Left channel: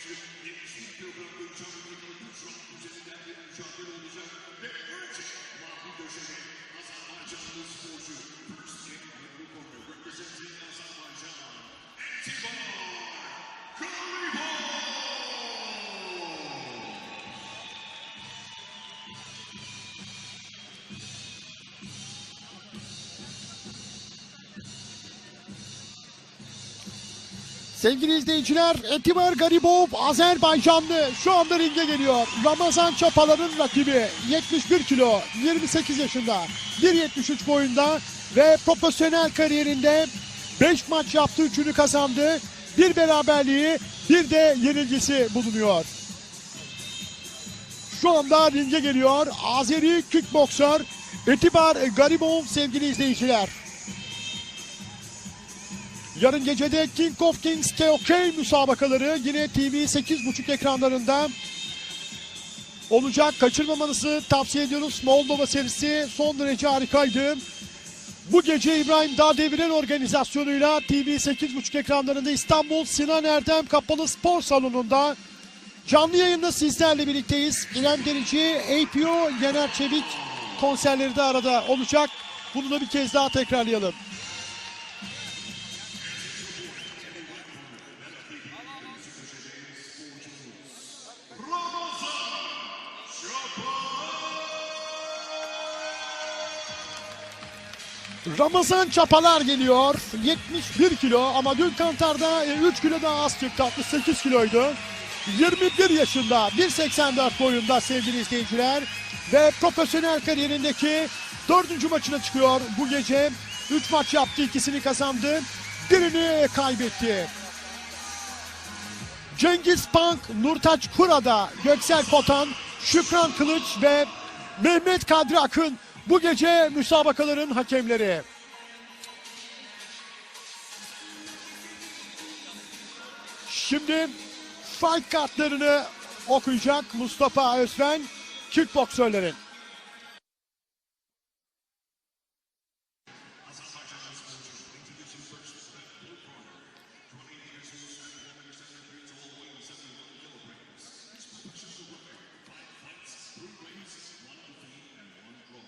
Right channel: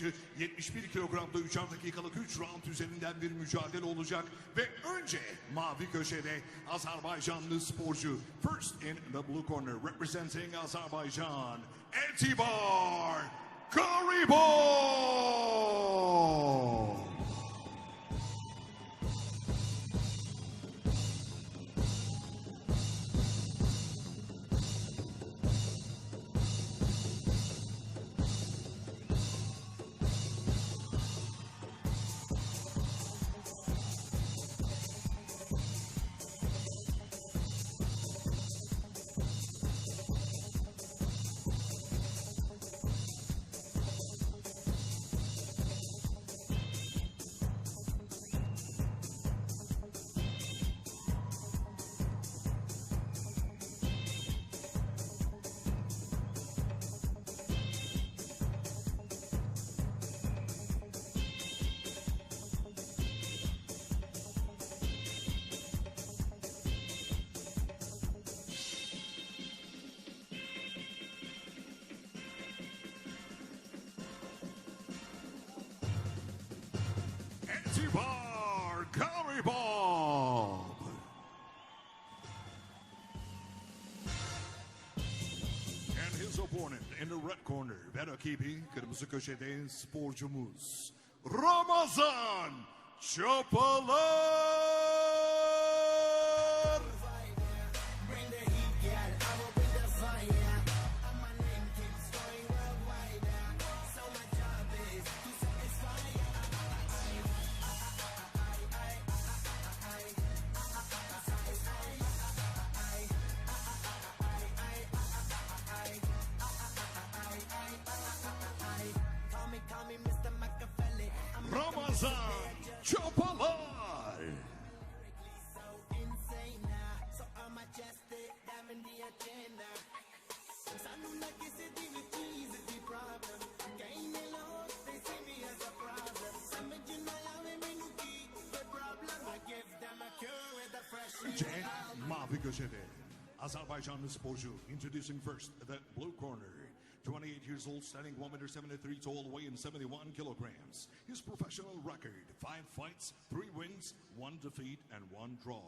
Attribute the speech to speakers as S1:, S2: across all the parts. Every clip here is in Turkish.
S1: 71 kilogramda 3 dakikalık 3 round üzerinden bir mücadele olacak. Ve önce mavi köşede Azerbaycanlı sporcu first in the blue corner representing Azerbaijan Antibar Garibov
S2: Sevgili izleyiciler, Etibar Garibov Azerbaycanlı şu anda ringe geliyor. Ramazan Çapalar'ın rakibi 71 kilo, 28 yaşında, 1.73 boyunda ve profesyonel kariyerinde 5 maç yaptı, 3'ünü kazandı. Bir beraberliği, bir de yenilgisi bulunuyor. Şu anda ringe geliyor Azeri kickboksör Etibar Garibov sevgili izleyiciler. Yarın gecede King of Kings KOK müsabakaları yine TV 8.5 ekranlarında olacak. Kaçırmamanızı tavsiye ediyoruz. Moldova serisi son derece harikaydı. Bu gece İbrahim Dağdeviren organizasyonuyla TV 8.5 ekranlarında İstanbul Sinan Erdem Kapalı Spor Salonu'nda canlı yayında sizlerle birlikteyiz. İrem Derici, APO, Yener Çevik konserleri de arada olacak. Bunu da bir kez daha tekrarlayalım.
S1: Ramazan Çapalar
S2: geliyor. 71 kilo ama dün kantarda 3 kilo daha az çıktı. 68 kiloydu. 21 yaşında 1.84 boyunda sevgili izleyiciler. Ve profesyonel kariyerindeki dördüncü maçına çıkıyor bu gece. 3 maç yaptı ikisini kazandı. Birini kaybetti. Cengiz Pank, Nurtaç Kurada, Göksel Kotan, Şükran Kılıç ve Mehmet Kadri Akın bu gece müsabakaların hakemleri. Şimdi fight kartlarını okuyacak Mustafa Özben kickboksörlerin.
S1: Mavi köşede Azerbaycanlı sporcu introducing first the blue corner 28 years old standing 1 meter 73 tall weighing 71 kilograms his professional record 5 fights 3 wins 1 defeat and 1 draw.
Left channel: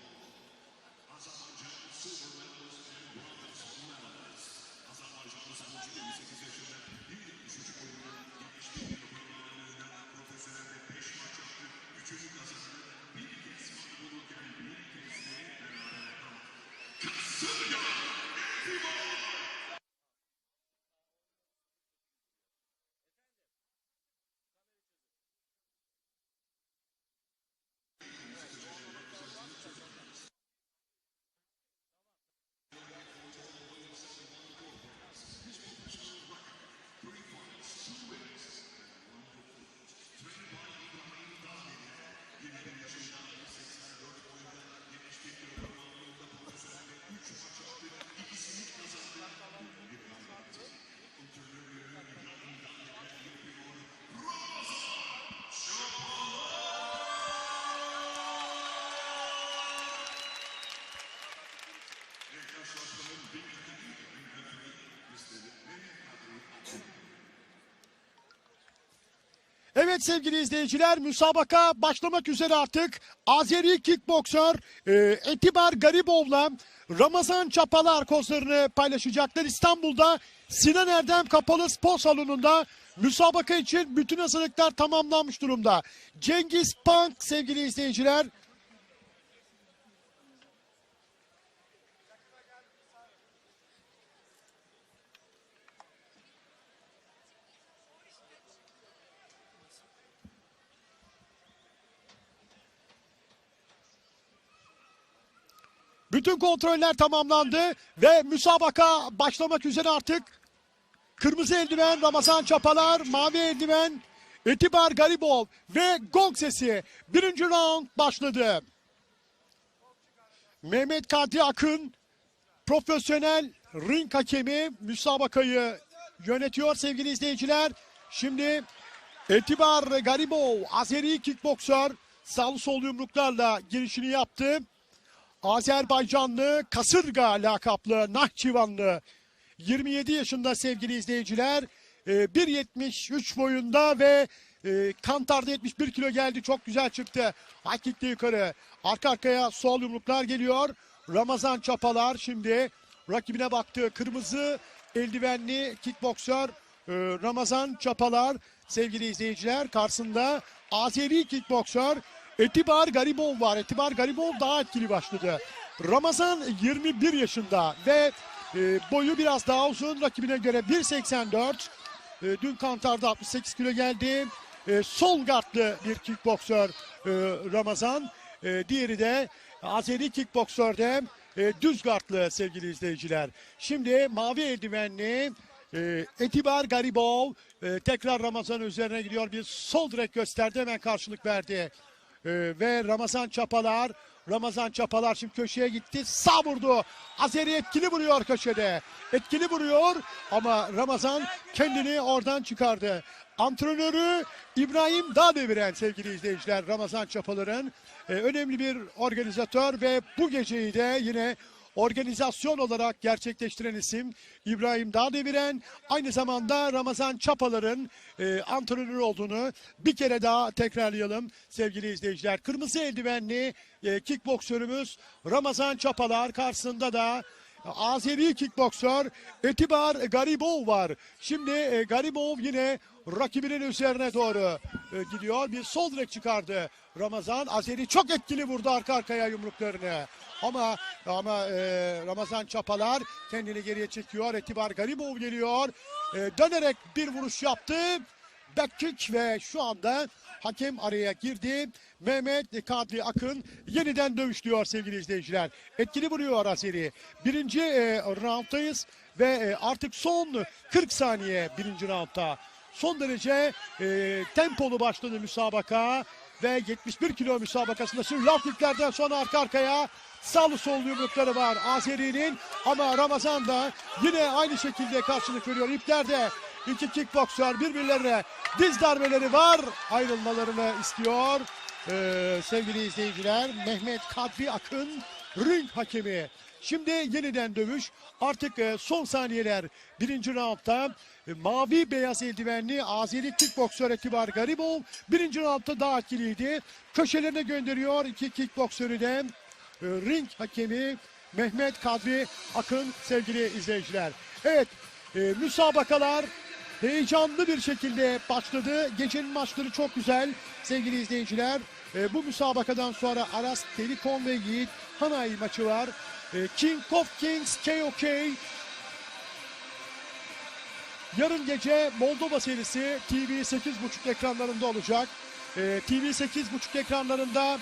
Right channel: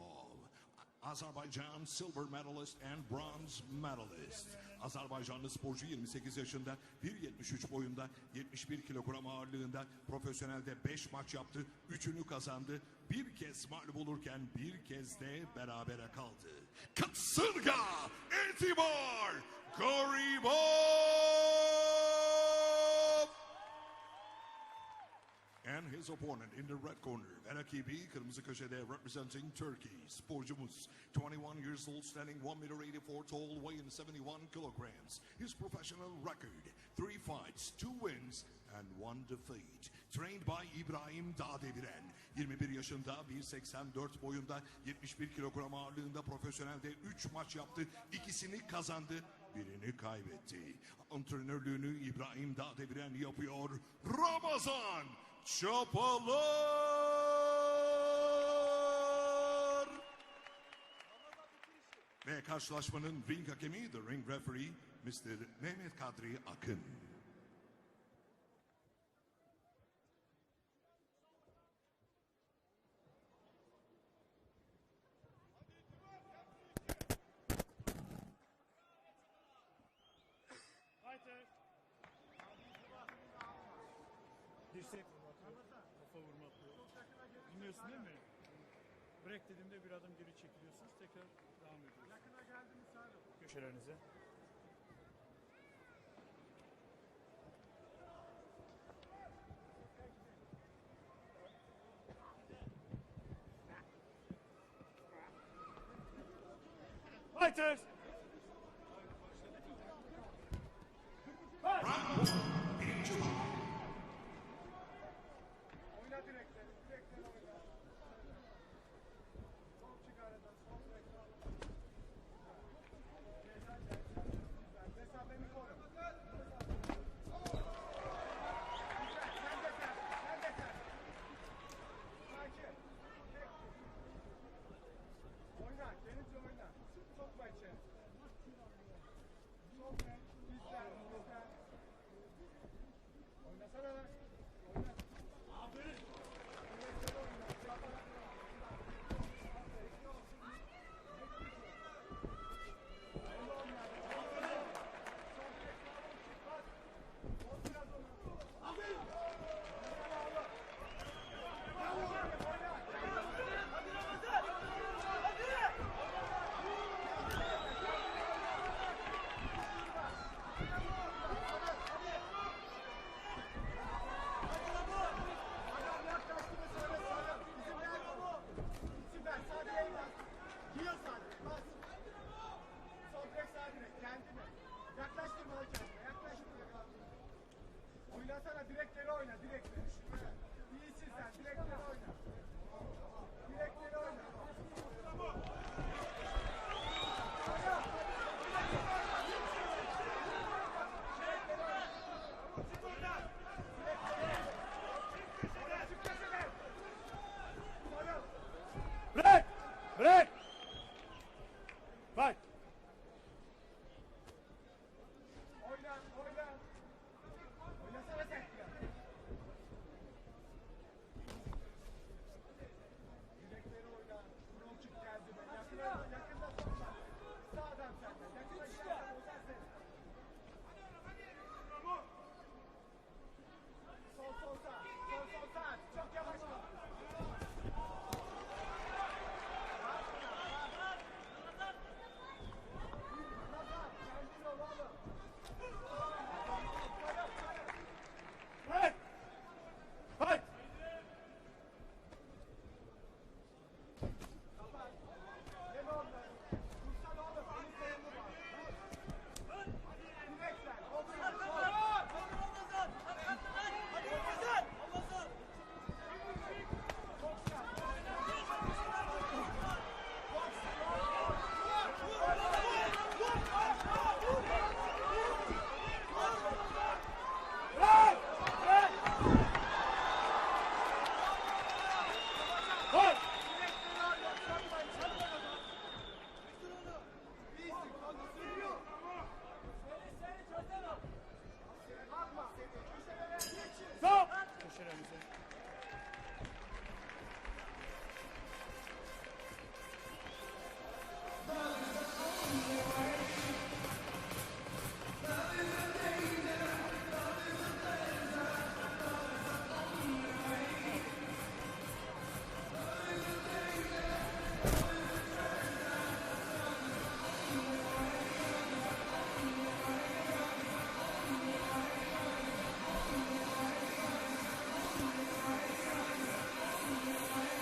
S1: Azerbaycan silver medalist and bronze medalist. Azerbaycanlı sporcu 28 yaşında 1.73 boyunda 71 kilogram ağırlığında profesyonelde 5 maç yaptı 3'ünü kazandı. Bir kez maç bulurken bir kez de berabere kaldı. Kasınga Intimar Garibov his opponent in the red corner, Benakibi, kırmızı köşede representing Turkey, sporcumuz. 21 years old, standing 1 meter 84 tall, weighing 71 kilograms. His professional record, 3 fights, 2 wins, and 1 defeat. Trained by İbrahim Dağdeviren. 21 yaşında, 1.84 boyunda, 71 kilogram ağırlığında profesyonelde 3 maç yaptı. İkisini kazandı, birini kaybetti. Antrenörlüğünü İbrahim Dağdeviren yapıyor. Çapalar! Ve karşılaşmanın ring hakemi ve ring referee Mr. Mehmet Kadri Akın.
S2: Evet sevgili izleyiciler müsabaka başlamak üzere artık. Azeri kickboksör e, Etibar Garibov'la Ramazan Çapalar kozlarını paylaşacaklar. İstanbul'da Sinan Erdem Kapalı Spor Salonu'nda müsabaka için bütün hazırlıklar tamamlanmış durumda. Cengiz Pank sevgili izleyiciler Bütün kontroller tamamlandı ve müsabaka başlamak üzere artık. Kırmızı eldiven Ramazan Çapalar, mavi eldiven Etibar Garibov ve gong sesi. Birinci round başladı. Mehmet Kadri Akın profesyonel ring hakemi müsabakayı yönetiyor sevgili izleyiciler. Şimdi Etibar Garibov Azeri kickboksör sağlı sol yumruklarla girişini yaptı. Azerbaycanlı Kasırga lakaplı Nahçıvanlı 27 yaşında sevgili izleyiciler e, 1.73 boyunda ve e, kantarda 71 kilo geldi. Çok güzel çıktı. Kick'te yukarı. Arka arkaya sol yumruklar geliyor. Ramazan Çapalar şimdi rakibine baktı. Kırmızı eldivenli kickboksör e, Ramazan Çapalar sevgili izleyiciler karşısında Azeri kickboksör Etibar Garibov var. Etibar Garibov daha etkili başladı. Ramazan 21 yaşında ve e, boyu biraz daha uzun rakibine göre 1.84. E, dün kantarda 68 kilo geldi. E, sol gardlı bir kickboksör e, Ramazan. Diğeri de Azeri kickboksörde e, düz gardlı sevgili izleyiciler. Şimdi mavi eldivenli e, Etibar Garibov tekrar Ramazan üzerine gidiyor. Bir sol direk gösterdi hemen karşılık verdi. E, ve Ramazan Çapalar Ramazan Çapalar şimdi köşeye gitti. Sağ vurdu. Azeri etkili vuruyor köşede. Etkili vuruyor ama Ramazan kendini oradan çıkardı. Antrenörü İbrahim Dağdeviren sevgili izleyiciler Ramazan Çapalar'ın e, önemli bir organizatör ve bu geceyi de yine organizasyon olarak gerçekleştiren isim İbrahim Dağdeviren aynı zamanda Ramazan Çapalar'ın e, antrenörü olduğunu bir kere daha tekrarlayalım sevgili izleyiciler. Kırmızı eldivenli e, kickboksörümüz Ramazan Çapalar karşısında da Azeri kickboksör Etibar Garibov var. Şimdi e, Garibov yine rakibinin üzerine doğru e, gidiyor. Bir sol direk çıkardı Ramazan. Azeri çok etkili vurdu arka arkaya yumruklarını. Ama ama e, Ramazan Çapalar kendini geriye çekiyor. Etibar Garibov geliyor. E, dönerek bir vuruş yaptı. Backkick ve şu anda hakem araya girdi. Mehmet Kadri Akın yeniden dövüşlüyor sevgili izleyiciler. Etkili vuruyor Azeri. Birinci e, rounddayız ve e, artık son 40 saniye birinci roundda. Son derece e, tempolu başladı müsabaka ve 71 kilo müsabakasında şimdi lafliklerden sonra arka arkaya sağlı sol yumrukları var Azeri'nin ama Ramazan da yine aynı şekilde karşılık veriyor. İplerde iki kickboksör birbirlerine diz darbeleri var. Ayrılmalarını istiyor. Ee, sevgili izleyiciler Mehmet Kadri Akın ring hakemi. Şimdi yeniden dövüş. Artık e, son saniyeler birinci roundda e, mavi beyaz eldivenli Azeri kickboksör Etibar Garibov birinci roundda daha etkiliydi. Köşelerine gönderiyor iki kickboksörü de e, ring hakemi Mehmet Kadri Akın sevgili izleyiciler. Evet e, müsabakalar heyecanlı bir şekilde başladı. Gecenin maçları çok güzel sevgili izleyiciler. E, bu müsabakadan sonra Aras Telekom ve Yiğit Hanay maçı var. E, King of Kings KOK Yarın gece Moldova serisi TV 8.5 ekranlarında olacak. Ee, TV 8.5 ekranlarında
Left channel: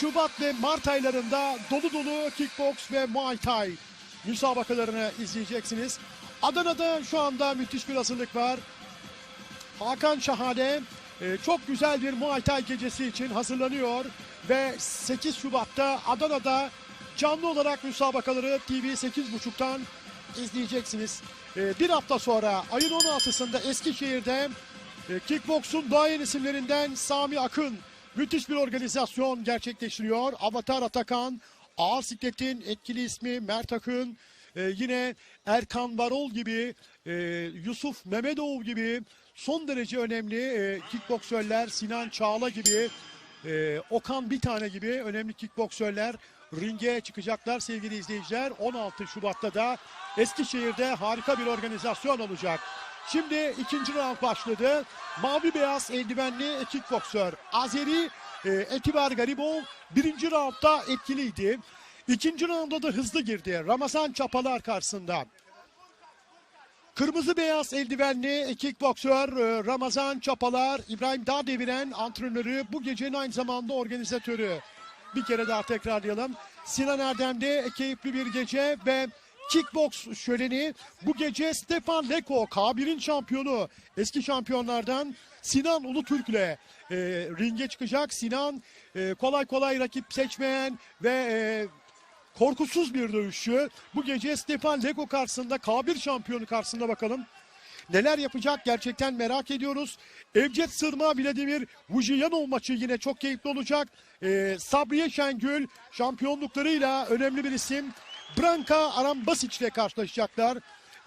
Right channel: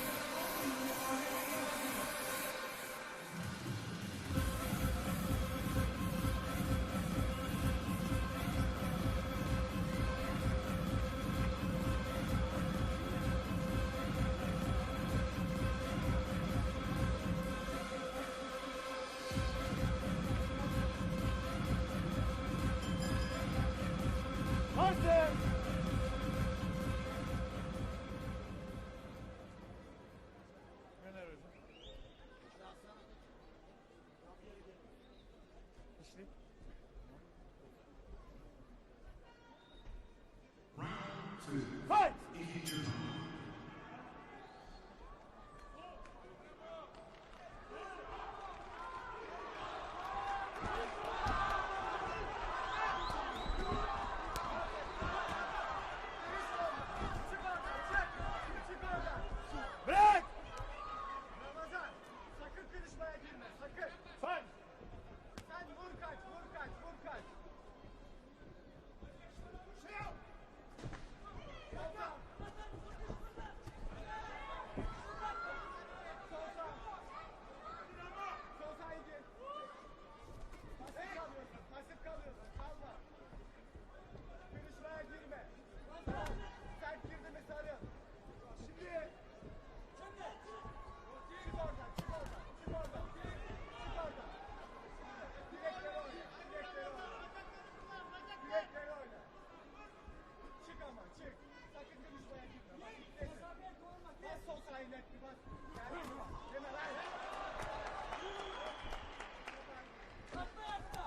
S2: Şubat ve Mart aylarında dolu dolu kickbox ve Muay Thai müsabakalarını izleyeceksiniz. Adana'da şu anda müthiş bir hazırlık var. Hakan Şahane e, çok güzel bir Muay Thai gecesi için hazırlanıyor ve 8 Şubat'ta Adana'da canlı olarak müsabakaları TV 8.5'tan izleyeceksiniz. E, bir hafta sonra ayın 16'sında Eskişehir'de e, kickboksun duayen isimlerinden Sami Akın müthiş bir organizasyon gerçekleştiriyor. Avatar Atakan, Ağır Siklet'in etkili ismi Mert Akın, e, yine Erkan Varol gibi, e, Yusuf Mehmetov gibi son derece önemli e, kickboksörler, Sinan Çağla gibi, e, Okan bir tane gibi önemli kickboksörler ringe çıkacaklar sevgili izleyiciler. 16 Şubat'ta da Eskişehir'de harika bir organizasyon olacak. Şimdi ikinci round başladı. Mavi beyaz eldivenli kickboksör Azeri e, Etibar Garibov birinci roundda etkiliydi. İkinci rounda da hızlı girdi. Ramazan Çapalar karşısında. Kırmızı beyaz eldivenli kickboksör e, Ramazan Çapalar, İbrahim Dağdeviren antrenörü, bu gecenin aynı zamanda organizatörü. Bir kere daha tekrarlayalım. Sinan Erdem'de keyifli bir gece ve kickbox şöleni bu gece Stefan Leko, K1'in şampiyonu, eski şampiyonlardan Sinan Ulutürk'le e, ringe çıkacak. Sinan e, kolay kolay rakip seçmeyen ve e, korkusuz bir dövüşçü. Bu gece Stefan Leko karşısında K1 şampiyonu karşısında bakalım. Neler yapacak gerçekten merak ediyoruz. Evcet Sırma Vladimir Vujiyanov maçı yine çok keyifli olacak. Ee, Sabriye Şengül şampiyonluklarıyla önemli bir isim. Branka Arambasic ile karşılaşacaklar.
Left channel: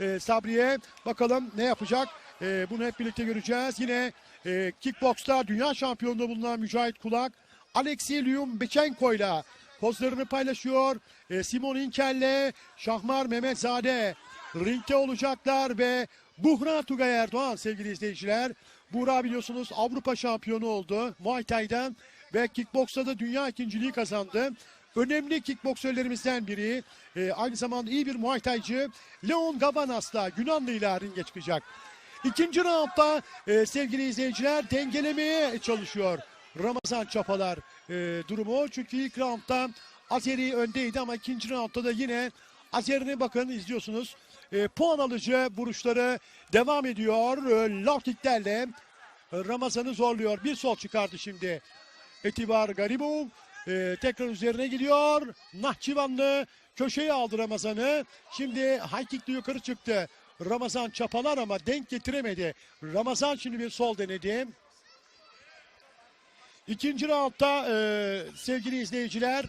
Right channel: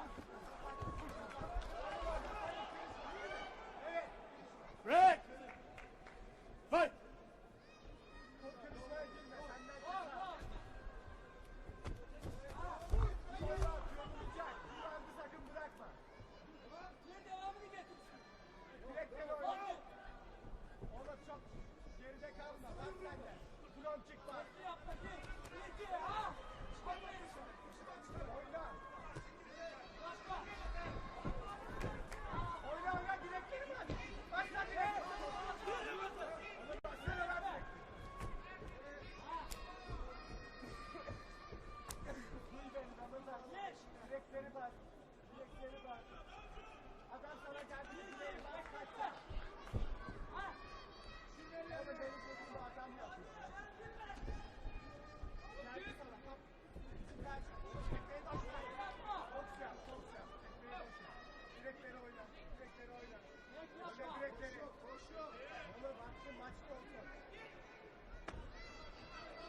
S2: Ee, Sabriye bakalım ne yapacak. E, bunu hep birlikte göreceğiz. Yine e, kickboksta dünya şampiyonluğu bulunan Mücahit Kulak Alexey Lyumbechenko ile pozlarını paylaşıyor. E, Simon Inkel'le Şahmar Mehmetzade ringte olacaklar ve Buhra Tugay Erdoğan sevgili izleyiciler. Buhra biliyorsunuz Avrupa şampiyonu oldu Muay Thai'den ve kickboksta da dünya ikinciliği kazandı. Önemli kickboksörlerimizden biri. E, aynı zamanda iyi bir Muay Thai'cı. Leon Gavanas'la Yunanlı'yla ringe çıkacak. İkinci roundda e, sevgili izleyiciler dengelemeye çalışıyor Ramazan Çapalar e, durumu. Çünkü ilk roundda Azeri öndeydi ama ikinci roundda da yine Azeri'ne bakın izliyorsunuz. E, puan alıcı vuruşları devam ediyor. E, low kicklerle e, Ramazan'ı zorluyor. Bir sol çıkardı şimdi. Etibar Garibov e, tekrar üzerine gidiyor. Nahçıvanlı köşeye aldı Ramazan'ı. Şimdi high kick'le yukarı çıktı. Ramazan çapalar ama denk getiremedi. Ramazan şimdi bir sol denedi. İkinci roundda e, sevgili izleyiciler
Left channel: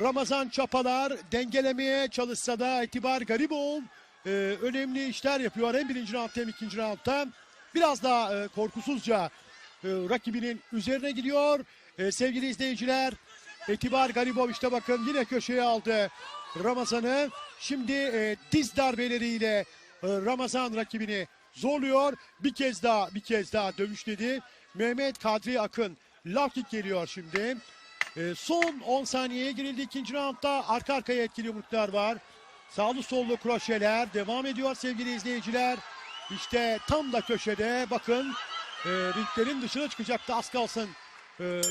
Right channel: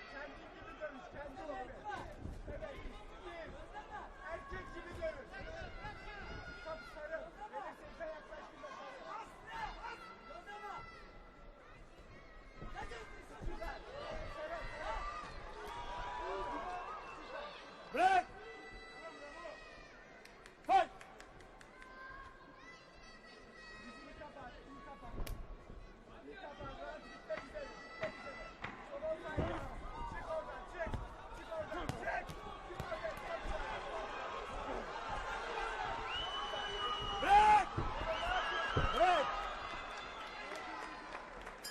S2: Ramazan Çapalar dengelemeye çalışsa da Etibar Garibov e, önemli işler yapıyor. Hem birinci roundda hem ikinci roundda. Biraz daha e, korkusuzca e, rakibinin üzerine gidiyor. E, sevgili izleyiciler Etibar Garibov işte bakın yine köşeye aldı Ramazan'ı. Şimdi e, diz darbeleriyle e, Ramazan rakibini zorluyor. Bir kez daha bir kez daha dövüşledi. Mehmet Kadri Akın low kick geliyor şimdi. E, son 10 saniyeye girildi ikinci roundda. Arka arkaya etkili yumruklar var. Sağlı sollu kroşeler devam ediyor sevgili izleyiciler. İşte tam da köşede bakın e, ringlerin dışına çıkacaktı az kalsın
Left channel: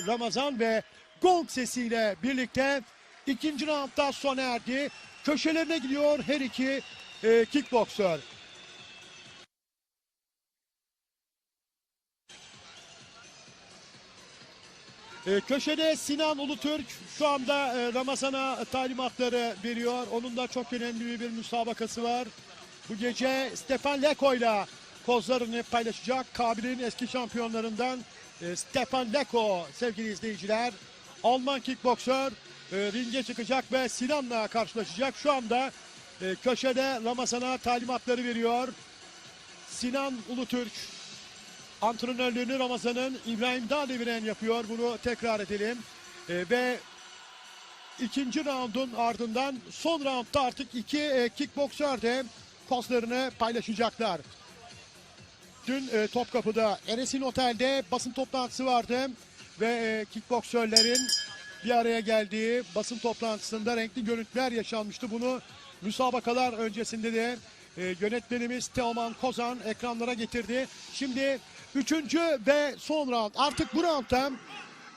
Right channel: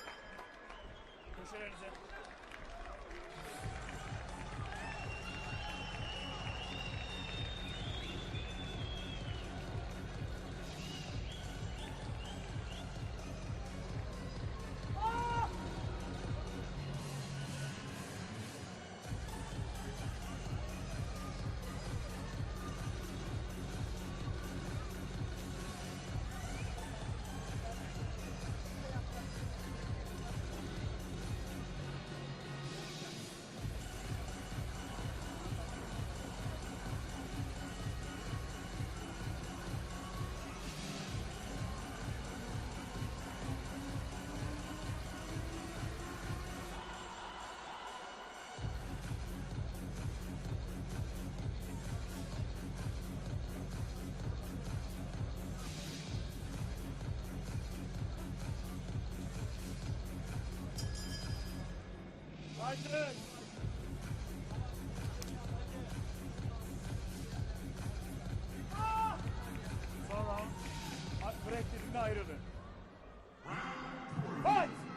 S2: Ramazan ve gong sesiyle birlikte ikinci roundda sona erdi. Köşelerine gidiyor her iki e, kickboksör. E, köşede Sinan Ulutürk şu anda e, Ramazan'a talimatları veriyor. Onun da çok önemli bir müsabakası var. Bu gece Stefan Leko'yla pozlarını paylaşacak. Kabil'in eski şampiyonlarından e, Stefan Leko sevgili izleyiciler. Alman kickboksör e, ringe çıkacak ve Sinan'la karşılaşacak. Şu anda e, köşede Ramazan'a talimatları veriyor. Sinan Ulutürk antrenörlüğünü Ramazan'ın İbrahim Dağdeviren yapıyor. Bunu tekrar edelim. E, ve ikinci raundun ardından son roundda artık iki e, kickboksör de pozlarını paylaşacaklar. Dün e, Topkapı'da Eresin Otel'de basın toplantısı vardı ve e, kickboksörlerin bir araya geldiği basın toplantısında renkli görüntüler yaşanmıştı. Bunu müsabakalar öncesinde de e, yönetmenimiz Teoman Kozan ekranlara getirdi. Şimdi üçüncü ve son round. Artık bu roundda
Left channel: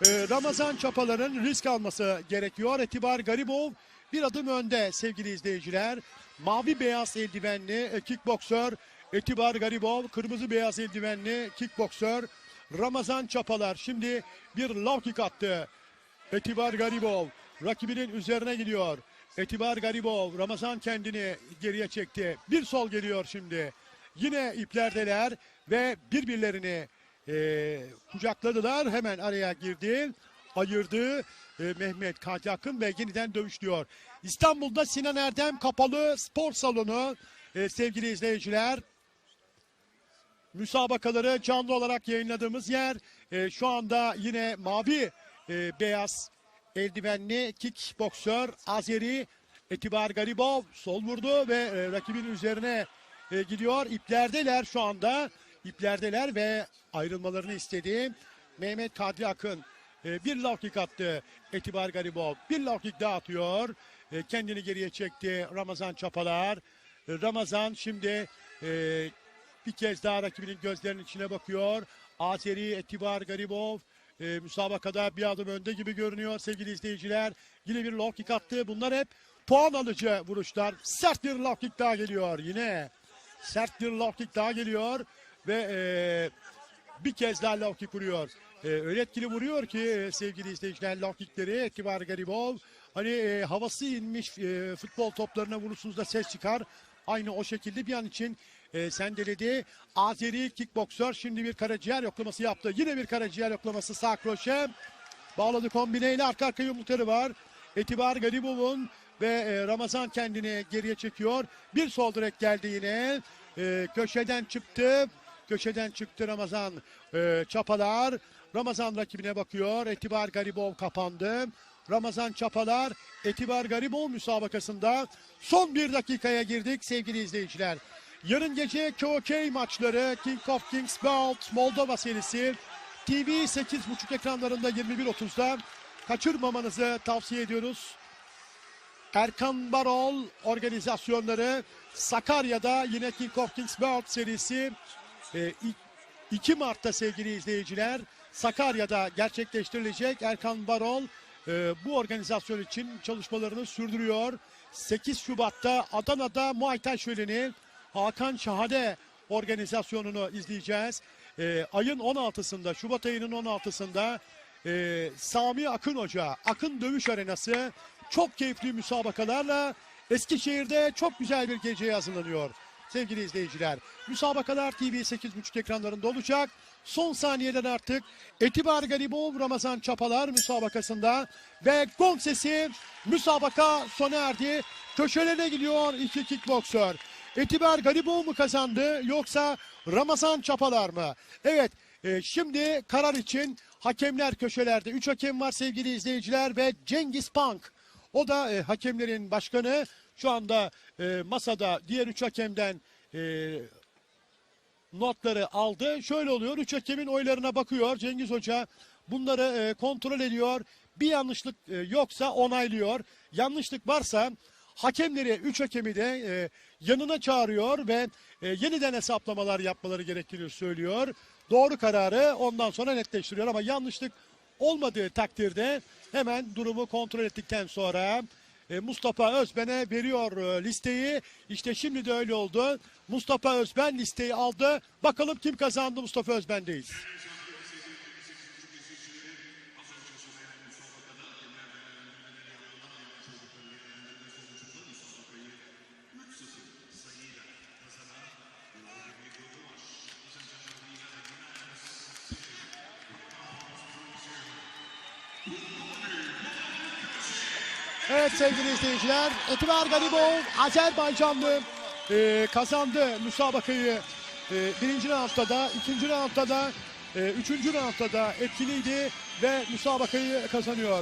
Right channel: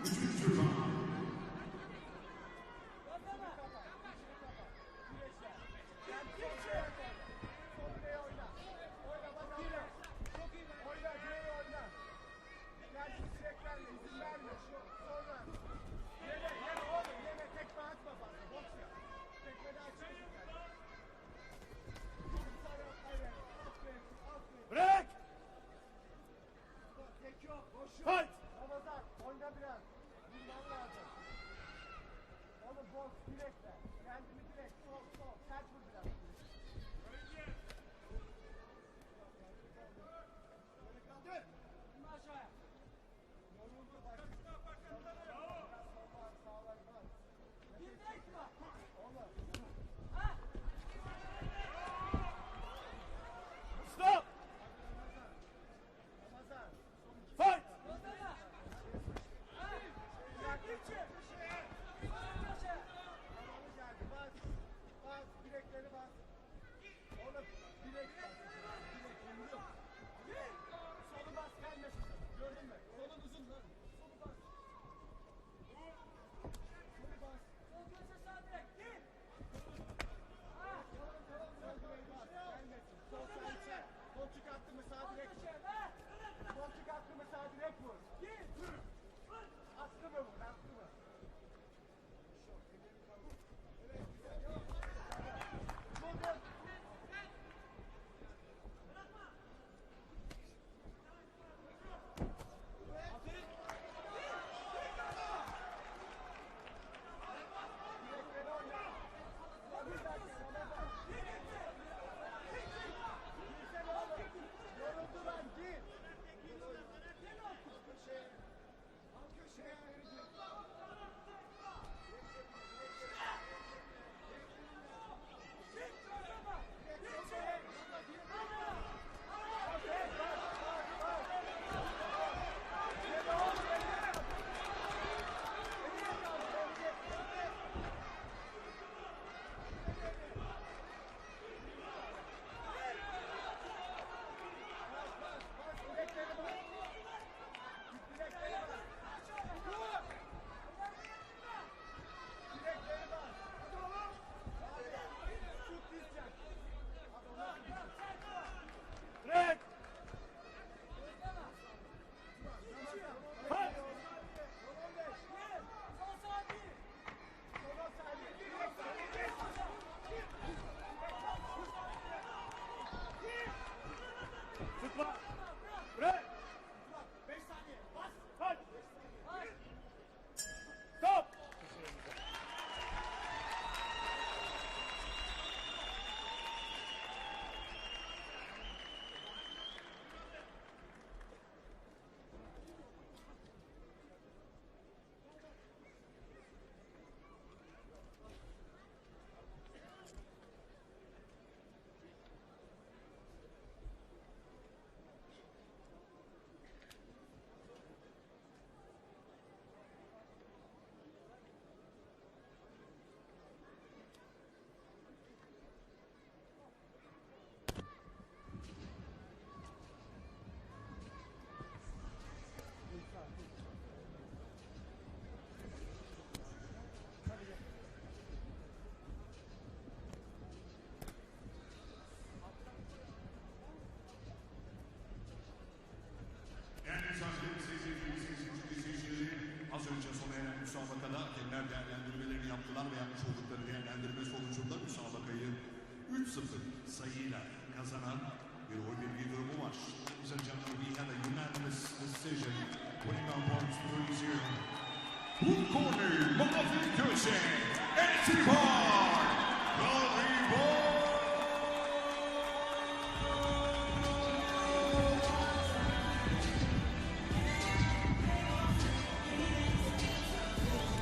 S2: e, Ramazan Çapalar'ın risk alması gerekiyor. Etibar Garibov bir adım önde sevgili izleyiciler. Mavi beyaz eldivenli e, kickboksör Etibar Garibov, kırmızı beyaz eldivenli kickboksör Ramazan Çapalar. Şimdi bir low kick attı. Etibar Garibov rakibinin üzerine gidiyor. Etibar Garibov Ramazan kendini geriye çekti. Bir sol geliyor şimdi. Yine iplerdeler ve birbirlerini e, kucakladılar. Hemen araya girdi. Ayırdı. E, Mehmet Kati Akın ve yeniden dövüşlüyor. İstanbul'da Sinan Erdem kapalı spor salonu e, sevgili izleyiciler. Müsabakaları canlı olarak yayınladığımız yer. E, şu anda yine mavi e, beyaz eldivenli kickboksör Azeri Etibar Garibov sol vurdu ve e, rakibin üzerine e, gidiyor. İplerdeler şu anda. İplerdeler ve ayrılmalarını istedi. Mehmet Kadri Akın e, bir low kick attı. Etibar Garibov bir low kick daha atıyor. E, kendini geriye çekti Ramazan Çapalar. E, Ramazan şimdi e, bir kez daha rakibinin gözlerinin içine bakıyor. Azeri Etibar Garibov e, müsabakada bir adım önde gibi görünüyor sevgili izleyiciler. Yine bir low kick attı. Bunlar hep puan alıcı vuruşlar. Sert bir low kick daha geliyor yine. Sert bir low kick daha geliyor ve e, bir kez daha low kick vuruyor. E, öyle etkili vuruyor ki e, sevgili izleyiciler low kickleri Etibar Garibov. Hani e, havası inmiş e, futbol toplarına vurursunuz da ses çıkar. Aynı o şekilde bir an için e, sendeledi. Azeri kickboksör şimdi bir karaciğer yoklaması yaptı. Yine bir karaciğer yoklaması sağ kroşe. Bağladı kombineyle arka arka yumrukları var. Etibar Garibov'un ve e, Ramazan kendini geriye çekiyor. Bir sol direk geldi yine. E, köşeden çıktı. Köşeden çıktı Ramazan e, Çapalar. Ramazan rakibine bakıyor. Etibar Garibov kapandı. Ramazan Çapalar Etibar Garibov müsabakasında son bir dakikaya girdik sevgili izleyiciler. Yarın gece KOK maçları King of Kings Belt Moldova serisi TV 8.5 ekranlarında 21.30'da kaçırmamanızı tavsiye ediyoruz. Erkan Barol organizasyonları Sakarya'da yine King of Kings World serisi e, i- 2 Mart'ta sevgili izleyiciler Sakarya'da gerçekleştirilecek Erkan Barol e, bu organizasyon için çalışmalarını sürdürüyor. 8 Şubat'ta Adana'da Muay Thai şöleni Hakan Şahade organizasyonunu izleyeceğiz. E, ayın 16'sında Şubat ayının 16'sında e, Sami Akın Hoca Akın Dövüş Arenası çok keyifli müsabakalarla Eskişehir'de çok güzel bir geceye hazırlanıyor. Sevgili izleyiciler, müsabakalar TV 8.5 ekranlarında olacak. Son saniyeden artık Etibar Garibov Ramazan Çapalar müsabakasında ve gong sesi müsabaka sona erdi. Köşelerine gidiyor iki kickboksör. Etibar Garibov mu kazandı yoksa Ramazan Çapalar mı? Evet e, şimdi karar için hakemler köşelerde. Üç hakem var sevgili izleyiciler ve Cengiz Pank. O da e, hakemlerin başkanı. Şu anda e, masada diğer üç hakemden e, notları aldı. Şöyle oluyor. Üç hakemin oylarına bakıyor. Cengiz Hoca bunları e, kontrol ediyor. Bir yanlışlık e, yoksa onaylıyor. Yanlışlık varsa hakemleri, üç hakemi de e, yanına çağırıyor ve e, yeniden hesaplamalar yapmaları gerektiğini söylüyor. Doğru kararı ondan sonra netleştiriyor ama yanlışlık olmadığı takdirde hemen durumu kontrol ettikten sonra e, Mustafa Özben'e veriyor e, listeyi. İşte şimdi de öyle oldu. Mustafa Özben listeyi aldı. Bakalım kim kazandı Mustafa Özben'deyiz. Etibar Galibov Azerbaycanlı e, kazandı müsabakayı. E, birinci roundda da, ikinci roundda da, e, üçüncü roundda da etkiliydi ve müsabakayı kazanıyor.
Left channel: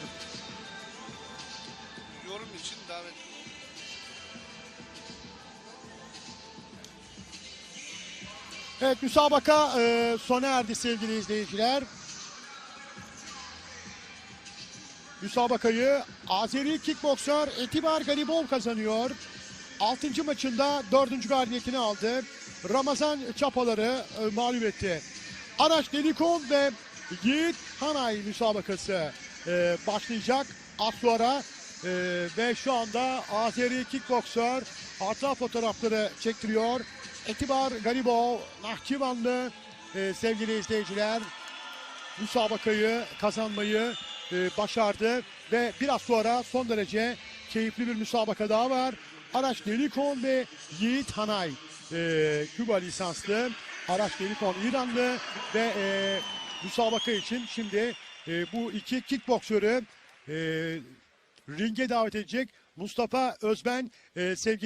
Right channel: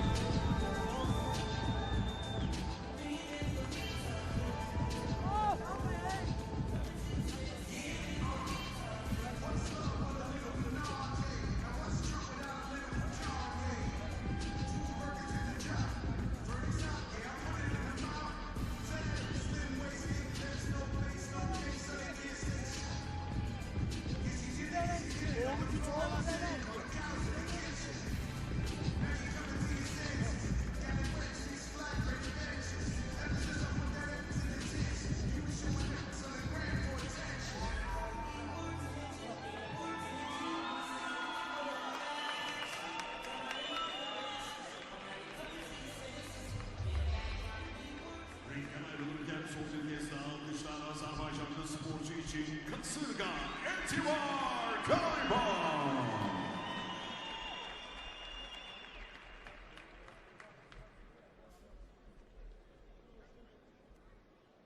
S2: Evet müsabaka e, sona erdi sevgili izleyiciler. Müsabakayı Azeri kickboksör Etibar Galibov kazanıyor. 6. maçında 4. galibiyetini aldı. Ramazan Çapaları e, mağlup etti. Araç Delikon ve Yiğit Hanay müsabakası e, başlayacak az sonra. E, ve şu anda Azeri kickboksör arta fotoğrafları çektiriyor. Etibar Galibov, Nahçıvanlı e, sevgili izleyiciler müsabakayı kazanmayı başardı ve biraz sonra son derece keyifli bir müsabaka daha var. Araç Delikon ve Yiğit Hanay e, Küba lisanslı Araç Delikon İranlı ve e, müsabaka için şimdi e, bu iki kickboksörü e, ringe davet edecek Mustafa Özben e, sevgili